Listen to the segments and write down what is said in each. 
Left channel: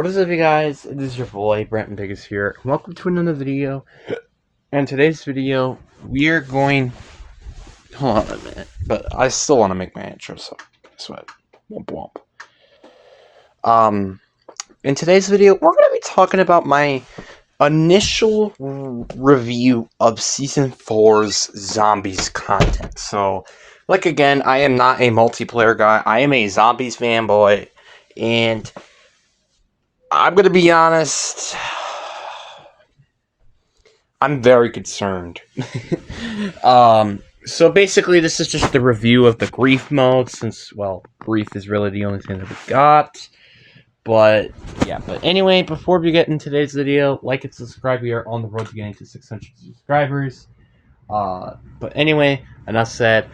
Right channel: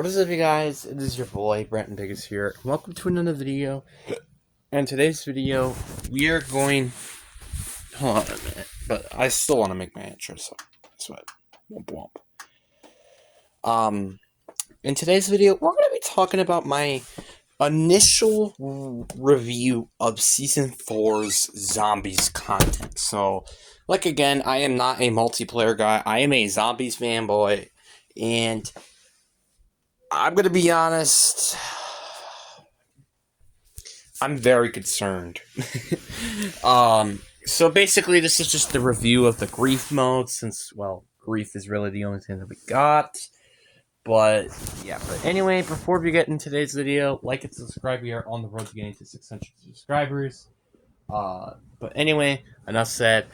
What is up, you guys? This is your boy, Brenton Biggest here. Welcome to another video. And today's video, we are going... Hold on a minute. But I still want to make my intro, so... Guess what? Womp womp. In today's video, we're going to be talking about my initial review of Season 4's Zombies content. So, like again, I am not a multiplayer guy. I am a Zombies fanboy. And... I'm going to be honest, I'm very concerned. So basically this is just the review of the grief mode, since, well, grief is really the only thing that we got. But, yeah, but anyway, before we get into today's video, like and subscribe. We are on the road to getting to 600 subscribers. But anyway, enough said,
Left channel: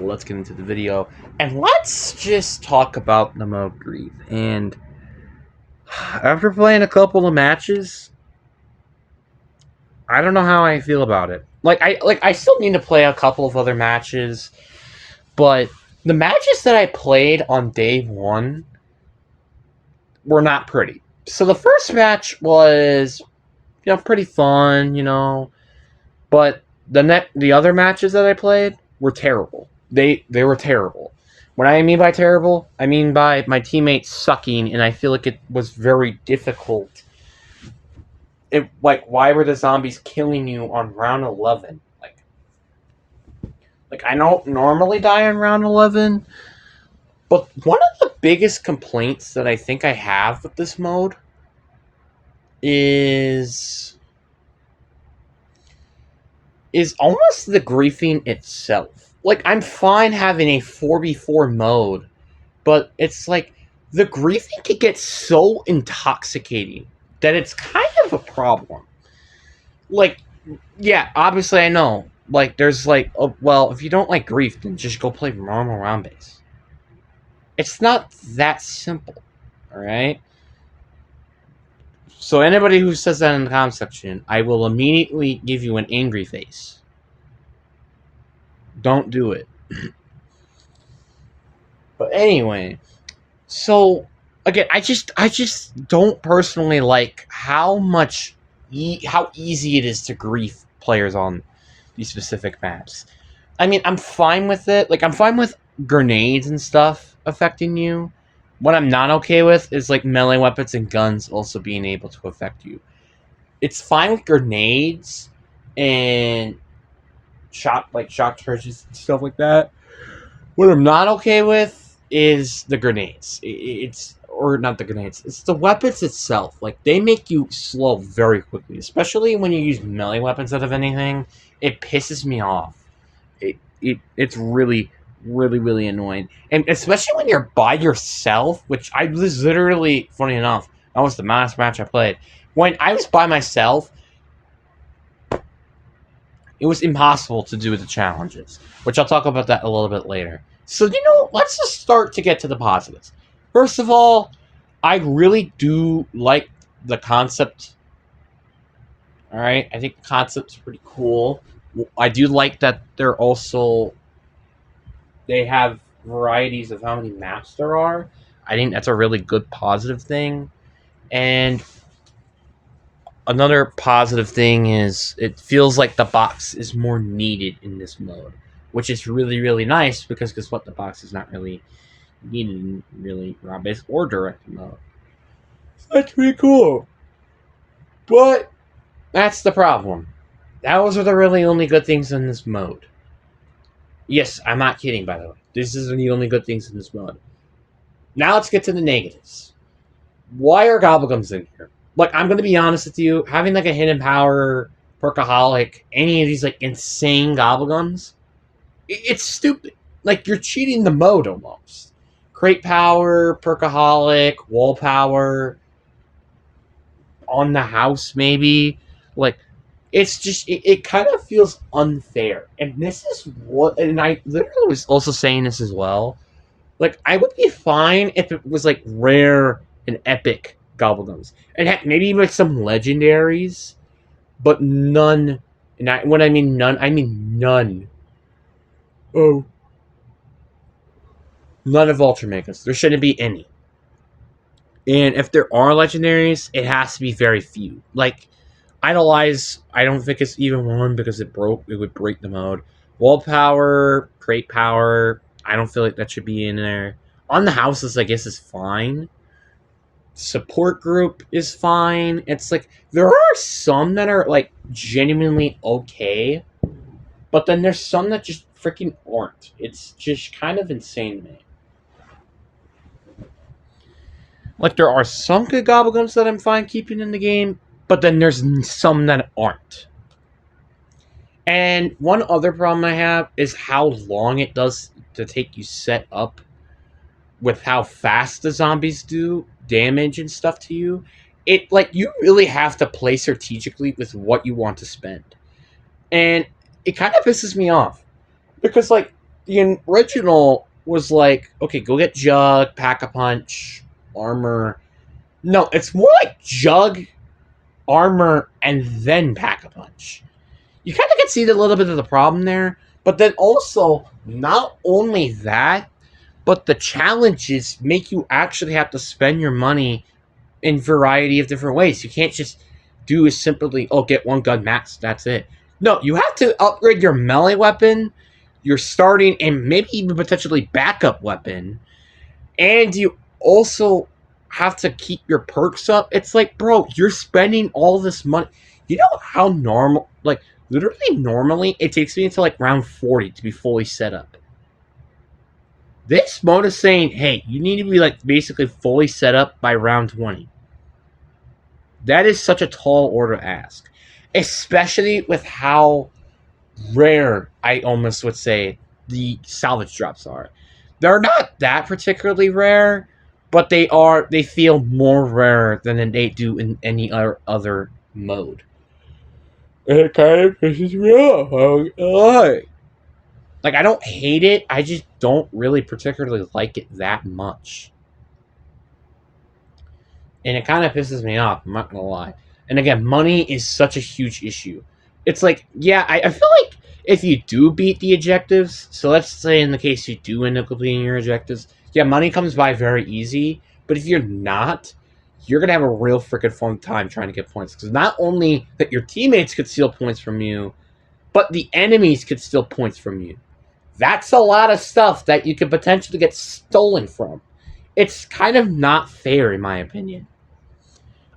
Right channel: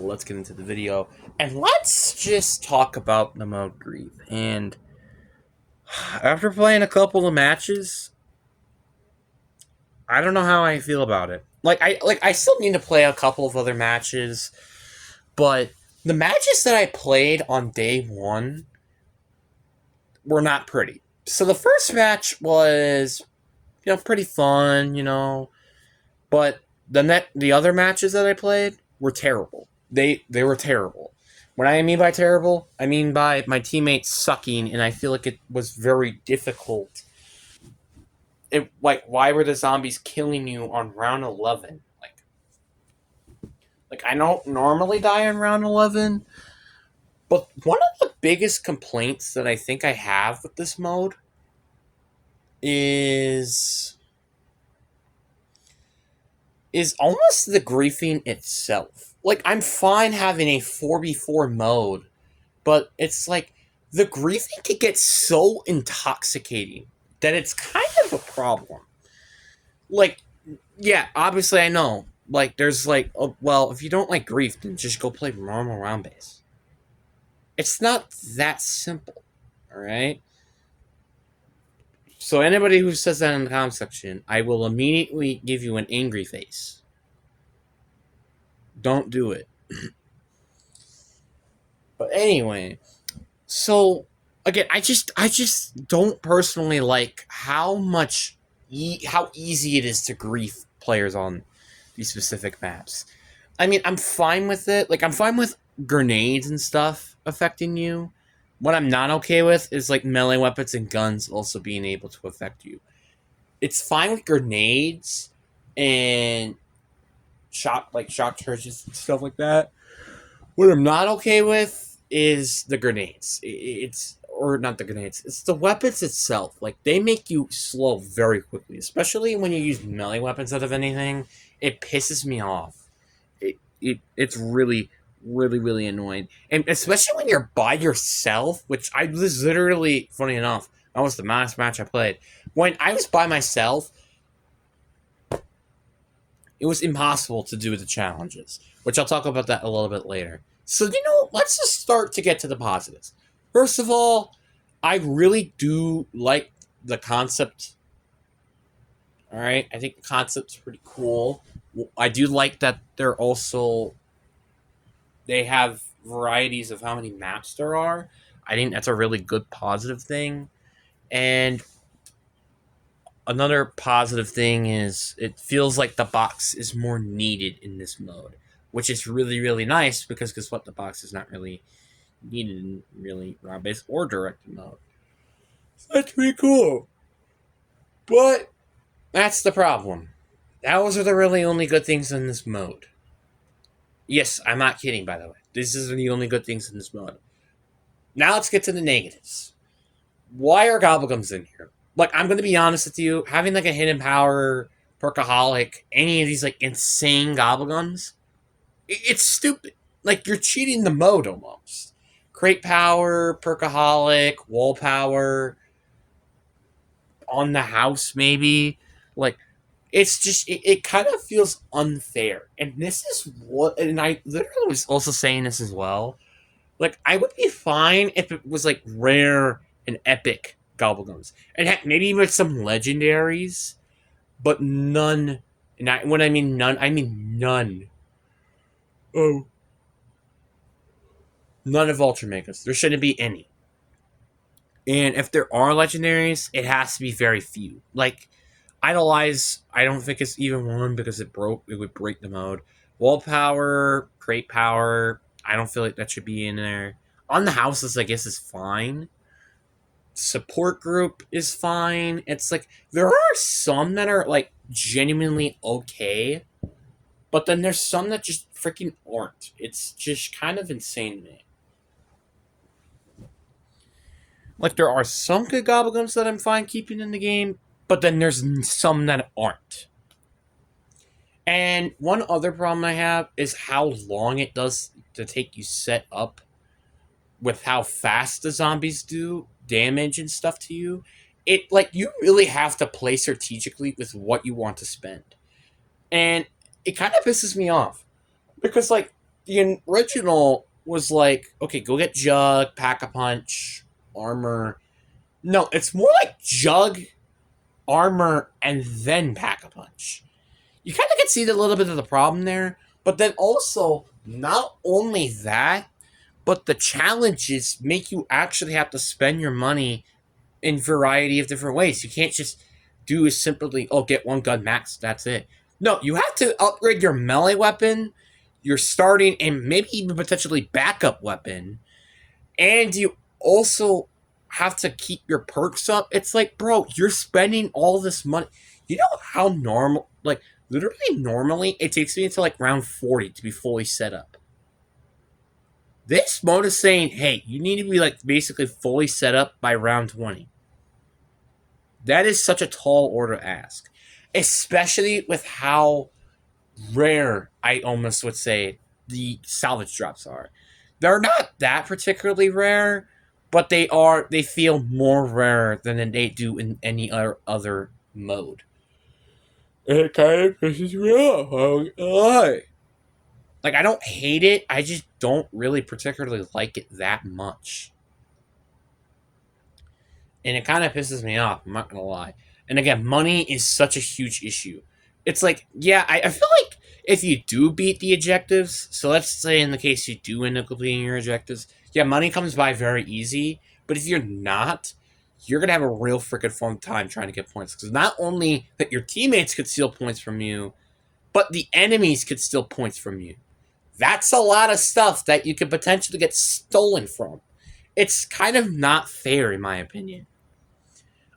let's get into the video. And let's just talk about the mode grief. And... after playing a couple of matches, I don't know how I feel about it. I still need to play a couple of other matches, but the matches that I played on day one were not pretty. So the first match was, pretty fun, but the other matches that I played were terrible. They were terrible. What I mean by terrible, I mean by my teammates sucking, and I feel like it was very difficult. Why were the zombies killing you on round 11? I don't normally die on round 11, but one of the biggest complaints that I think I have with this mode is almost the griefing itself. I'm fine having a 4v4 mode, but it's the griefing could get so intoxicating that it's kind of a problem. Yeah, obviously I know. There's well, if you don't like grief, then just go play normal round base. It's not that simple, alright? So anybody who says that in the comment section, I will immediately give you an angry face. Don't do it. But anyway, so again, I just don't personally like how easy it is to grief players on these specific maps. I mean, I'm fine with it. I'm fine with grenades and stuff affecting you. What I'm not okay with is melee weapons and guns also being able to affect you. It's fine with grenades and shot charges and stuff like that. What I'm not okay with is the grenades. Or not the grenades. It's the weapons itself. They make you slow very quickly, especially when you use melee weapons out of anything. It pisses me off. It's really, really, really annoying. And especially when you're by yourself, which I was literally, funny enough, that was the last match I played. When I was by myself, it was impossible to do the challenges, which I'll talk about that a little bit later. So, let's just start to get to the positives. First of all, I really do like the concept. Alright, I think the concept's pretty cool. I do like that they have varieties of how many maps there are. I think that's a really good positive thing. And another positive thing is it feels like the box is more needed in this mode, which is really, really nice because guess what? The box is not really needed in really round-based or direct mode. So that's pretty cool. But that's the problem. Those are the really only good things in this mode. Yes, I'm not kidding, by the way. This is the only good things in this mode. Now let's get to the negatives. Why are Gobblegums in here? I'm going to be honest with you. Having a Hidden Power, Perkaholic, any of these insane Gobblegums, it's stupid. You're cheating the mode almost. Crate Power, Perkaholic, Wall Power, on the house maybe. It's just, it kind of feels unfair. And this is what, and I literally was also saying this as well. I would be fine if it was rare and epic Gobblegums. And maybe even some legendaries, but none. And when I mean none, I mean none. Oh. None of Ultra Megas. There shouldn't be any. And if there are legendaries, it has to be very few. Like, Idolize, I don't think it's even one because it would break the mode. Wall power, crate power, I don't feel like that should be in there. On the houses, I guess is fine. Support group is fine. It's like there are some that are like genuinely okay, but then there's some that just freaking aren't. It's just kind of insane to me. Like there are some good goblins that I'm fine keeping in the game, but then there's some that aren't. And one other problem I have is how long it does to take you set up with how fast the zombies do damage and stuff to you. It like you really have to play strategically with what you want to spend. And it kind of pisses me off because like the original was like, okay, go get Jug, Pack a Punch, armor. No, it's more like Jug, armor, and then Pack a Punch. You kind of can see a little bit of the problem there, but then also not only that, but the challenges make you actually have to spend your money in variety of different ways. You can't just do is simply, oh, get one gun max, that's it. No, you have to upgrade your melee weapon, your starting, and maybe even potentially backup weapon. And you also have to keep your perks up. It's like, bro, you're spending all this money. You know how normal, like, literally normally, it takes me until like round 40 to be fully set up. This mode is saying, hey, you need to be like basically fully set up by round 20. That is such a tall order to ask, especially with how rare, I almost would say, the salvage drops are. They're not that particularly rare, but they feel more rare than they do in any other mode. And it kind of pisses me off. Like, I don't hate it, I just don't really particularly like it that much. And it kind of pisses me off, I'm not gonna lie. And again, money is such a huge issue. It's like, yeah, I feel like if you do beat the objectives, so let's say in the case you do end up completing your objectives, yeah, money comes by very easy, but if you're not, you're gonna have a real freaking fun time trying to get points. Because not only that your teammates could steal points from you, but the enemies could steal points from you. That's a lot of stuff that you could potentially get stolen from. It's kind of not fair, in my opinion.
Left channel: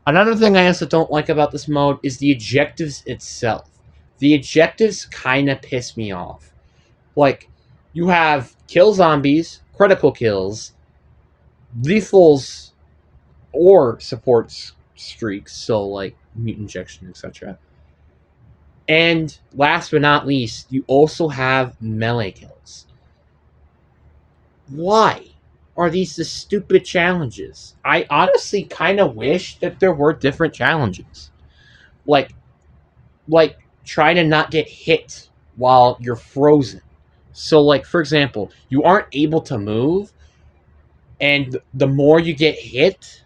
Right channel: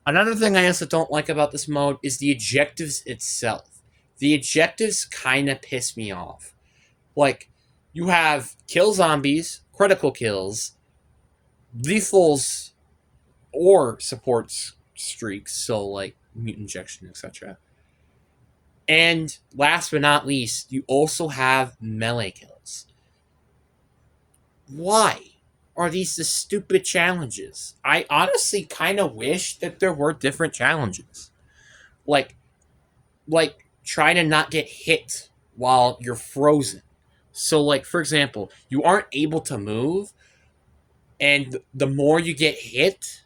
Another thing I also don't like about this mode is the objectives itself. The objectives kind of piss me off. Like, you have kill zombies, critical kills, lethals, or support streaks, so like mutant injection, etc. And last but not least, you also have melee kills. Why are these the stupid challenges? I honestly kind of wish that there were different challenges. Like try to not get hit while you're frozen. So like for example, you aren't able to move and the more you get hit,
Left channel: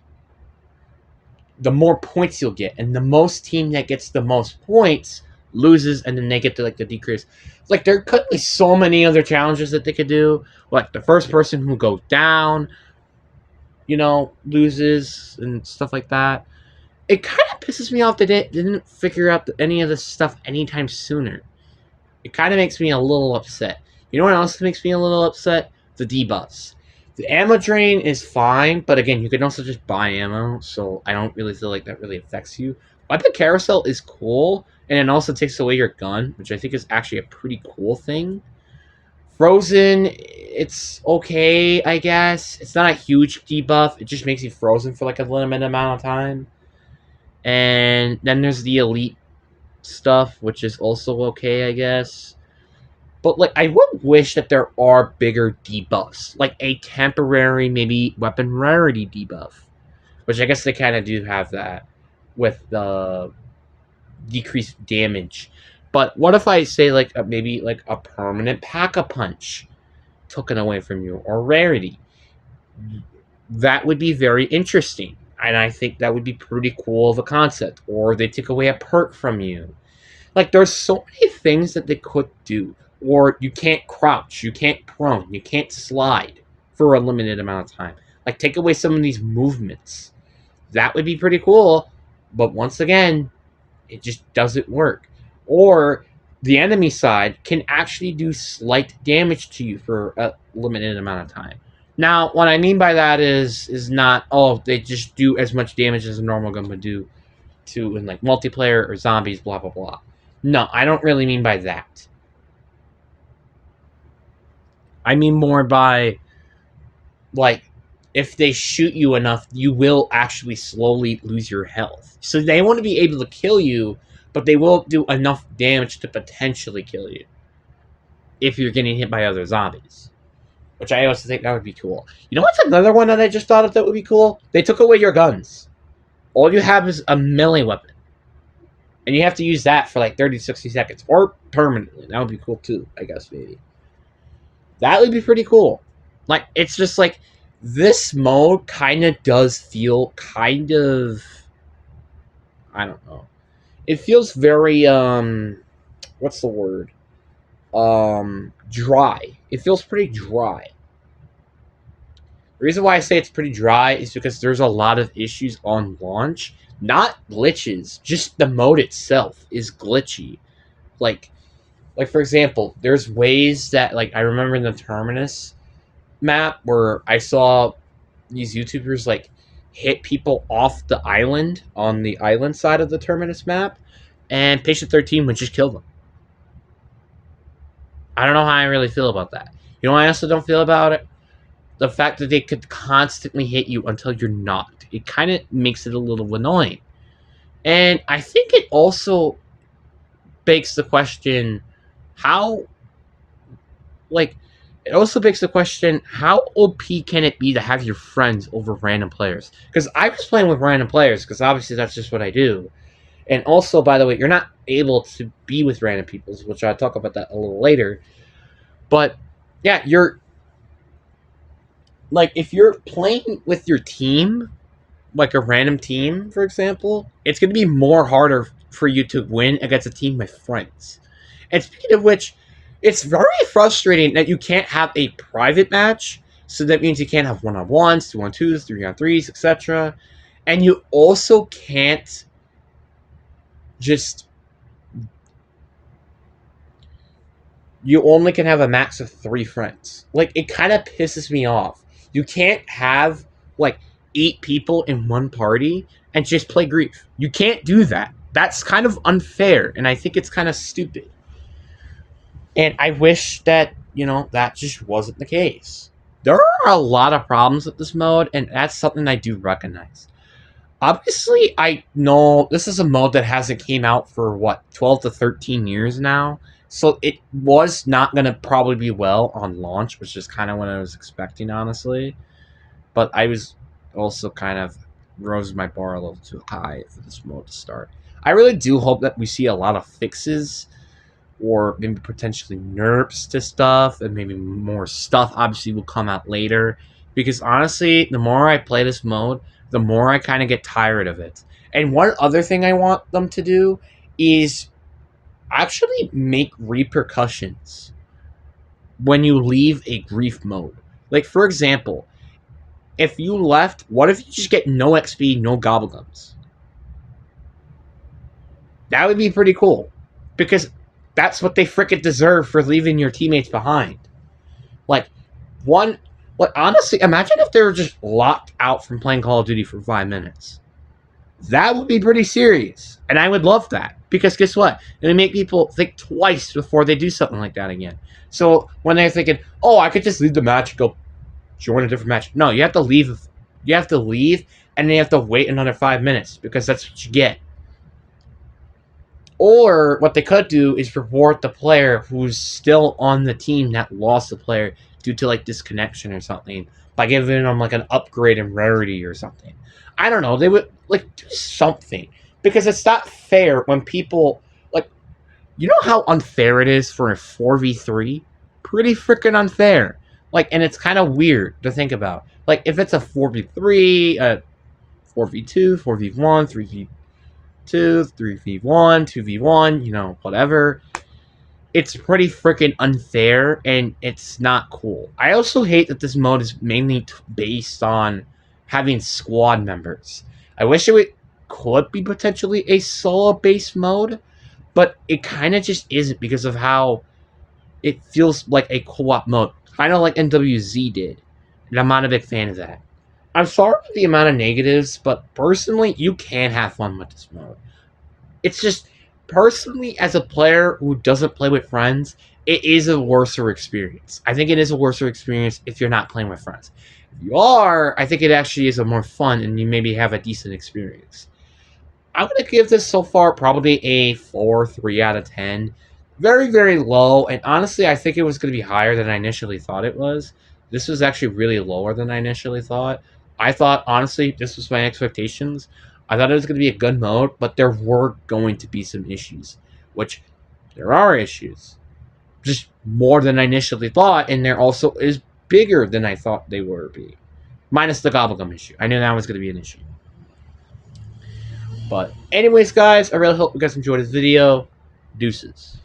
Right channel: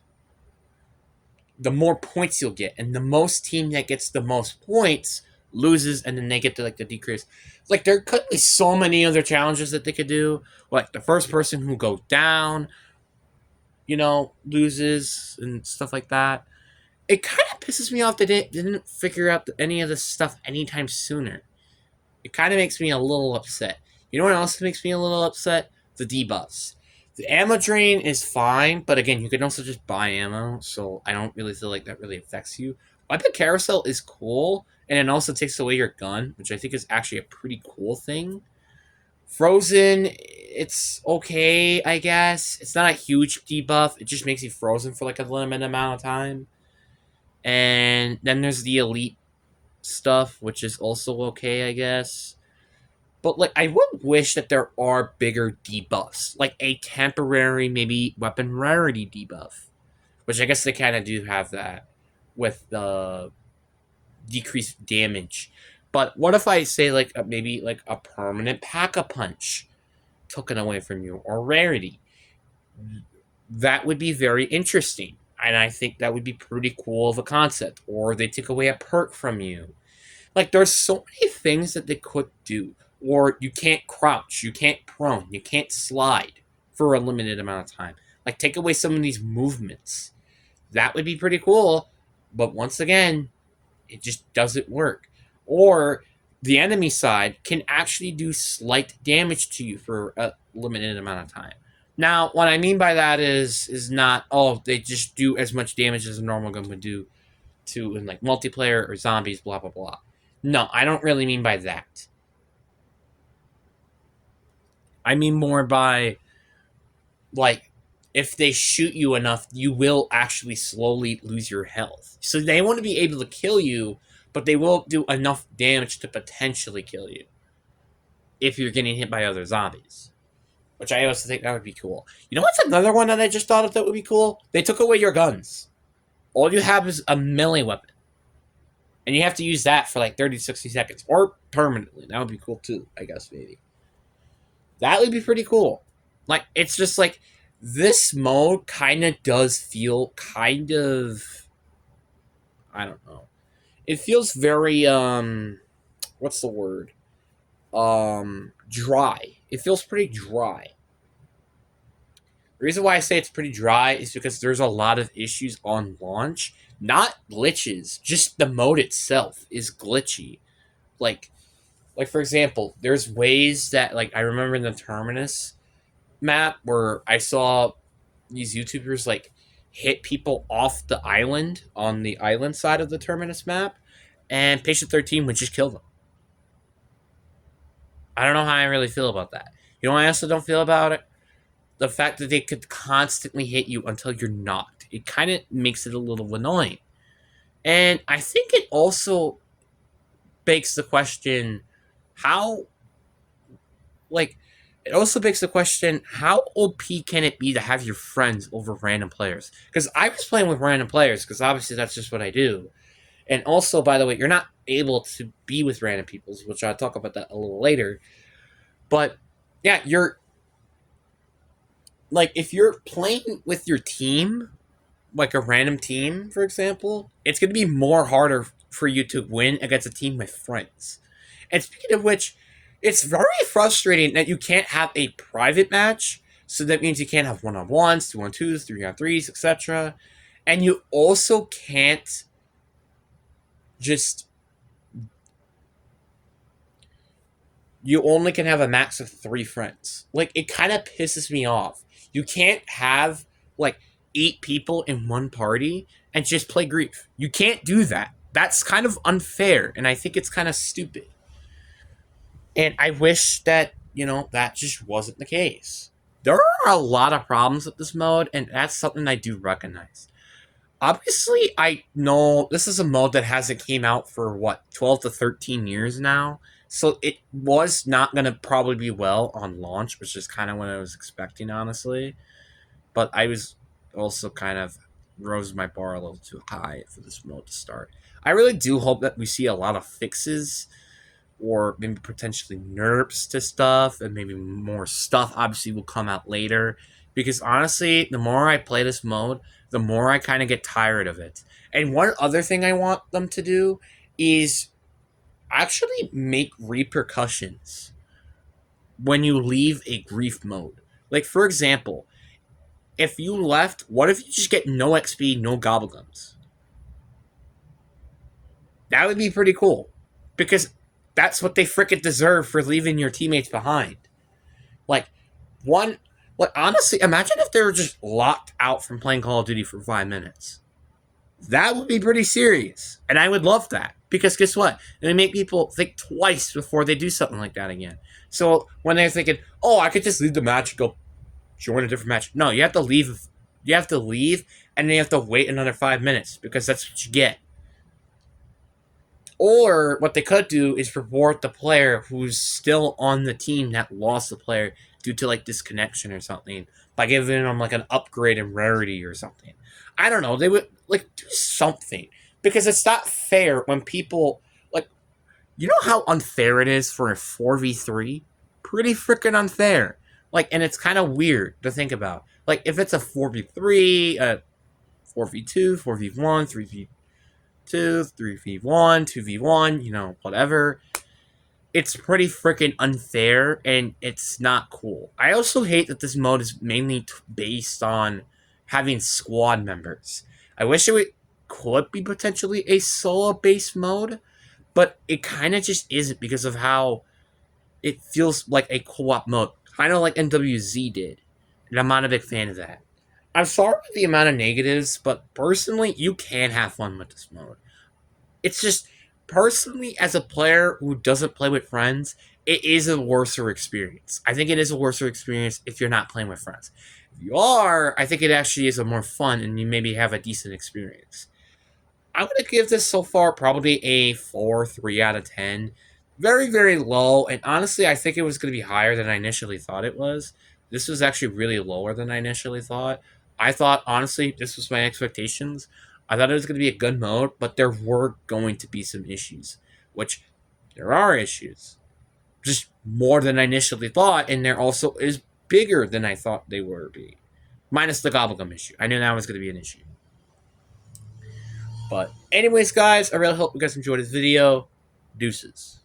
the more points you'll get, and the most team that gets the most points loses, and then they get to like the decrease. Like there could be so many other challenges that they could do. Like the first person who goes down, loses and stuff like that. It kind of pisses me off that it didn't figure out any of this stuff anytime sooner. It kind of makes me a little upset. You know what else makes me a little upset? The debuffs. The ammo drain is fine, but again, you can also just buy ammo, so I don't really feel like that really affects you. Weapon carousel is cool, and it also takes away your gun, which I think is actually a pretty cool thing. Frozen, it's okay, I guess. It's not a huge debuff. It just makes you frozen for like a limited amount of time. And then there's the elite stuff, which is also okay, I guess. But like, I would wish that there are bigger debuffs, like a temporary maybe weapon rarity debuff, which I guess they kind of do have that with the decreased damage. But what if I say like maybe like a permanent pack-a-punch taken away from you or rarity? That would be very interesting, and I think that would be pretty cool of a concept. Or they take away a perk from you. Like there's so many things that they could do. Or you can't crouch, you can't prone, you can't slide for a limited amount of time. Like, take away some of these movements. That would be pretty cool. But once again, it just doesn't work. Or the enemy side can actually do slight damage to you for a limited amount of time. Now, what I mean by that is not, oh, they just do as much damage as a normal gun would do to in like multiplayer or zombies, blah blah blah. No, I don't really mean by that. I mean more by, like, if they shoot you enough, you will actually slowly lose your health. So they want to be able to kill you, but they will do enough damage to potentially kill you if you're getting hit by other zombies. Which I also think that would be cool. You know what's another one that I just thought of that would be cool? They took away your guns. All you have is a melee weapon. And you have to use that for like 30 to 60 seconds. Or permanently. That would be cool too, I guess, maybe. That would be pretty cool. Like, it's just like, this mode kind of does feel kind of, I don't know. It feels very, what's the word? Dry. It feels pretty dry. The reason why I say it's pretty dry is because there's a lot of issues on launch. Not glitches, just the mode itself is glitchy. Like for example, there's ways that, like, I remember in the Terminus map where I saw these YouTubers like hit people off the island on the island side of the Terminus map, and Patient 13 would just kill them. I don't know how I really feel about that. You know what I also don't feel about it? The fact that they could constantly hit you until you're knocked. It kind of makes it a little annoying. And I think it also begs the question, how, like, it also begs the question, how OP can it be to have your friends over random players? Because I was playing with random players, because obviously that's just what I do. And also, by the way, you're not able to be with random people, which I'll talk about that a little later. But, yeah, you're, like, if you're playing with your team, like a random team, for example, it's going to be more harder for you to win against a team with friends. And speaking of which, it's very frustrating that you can't have a private match. So that means you can't have one-on-ones, 2-on-2s, 3-on-3s, etc. And you also can't just... You only can have a max of 3 friends. Like, it kind of pisses me off. You can't have, like, 8 people in one party and just play Grief. You can't do that. That's kind of unfair, and I think it's kind of stupid. And I wish that, you know, that just wasn't the case. There are a lot of problems with this mode, and that's something I do recognize. Obviously, I know this is a mode that hasn't came out for, 12 to 13 years now. So it was not going to probably be well on launch, which is kind of what I was expecting, honestly. But I was also kind of rose my bar a little too high for this mode to start. I really do hope that we see a lot of fixes, or maybe potentially nerfs to stuff, and maybe more stuff obviously will come out later. Because honestly, the more I play this mode, the more I kind of get tired of it. And one other thing I want them to do is actually make repercussions when you leave a Grief mode. Like, for example, if you left, what if you just get no XP, no gobblegums? That would be pretty cool. Because that's what they frickin' deserve for leaving your teammates behind. Like, honestly, imagine if they were just locked out from playing Call of Duty for 5 minutes. That would be pretty serious. And I would love that. Because guess what? It would make people think twice before they do something like that again. So when they're thinking, oh, I could just leave the match and go join a different match. No, you have to leave. You have to leave, and then you have to wait another 5 minutes, because that's what you get. Or what they could do is reward the player who's still on the team that lost the player due to, like, disconnection or something, by giving them, like, an upgrade in rarity or something. I don't know. They would, like, do something. Because it's not fair when people, like, you know how unfair it is for a 4v3? Pretty freaking unfair. Like, and it's kind of weird to think about. Like, if it's a 4v3, 4v2, 4v1, 3v2, 3v1, 2v1, you know, whatever. it's pretty freaking unfair and it's not cool. I also hate that this mode is mainly based on having squad members. I wish could be potentially a solo based mode, but it kind of just isn't because of how it feels like a co-op mode, kind of like NWZ did, and I'm not a big fan of that. I'm sorry for the amount of negatives, but personally, you can have fun with this mode. It's just, personally, as a player who doesn't play with friends, it is a worser experience. I think it is a worser experience if you're not playing with friends. If you are, I think it actually is a more fun and you maybe have a decent experience. I'm going to give this so far probably a 4, 3 out of 10. Very, very low. And honestly, I think it was going to be higher than I initially thought it was. This was actually really lower than I initially thought. I thought, honestly, this was my expectations. I thought it was going to be a good mode, but there were going to be some issues, which there are issues. Just more than I initially thought, and there also is bigger than I thought they were be. Minus the Gobblegum issue. I knew that was going to be an issue. But anyways, guys, I really hope you guys enjoyed this video. Deuces.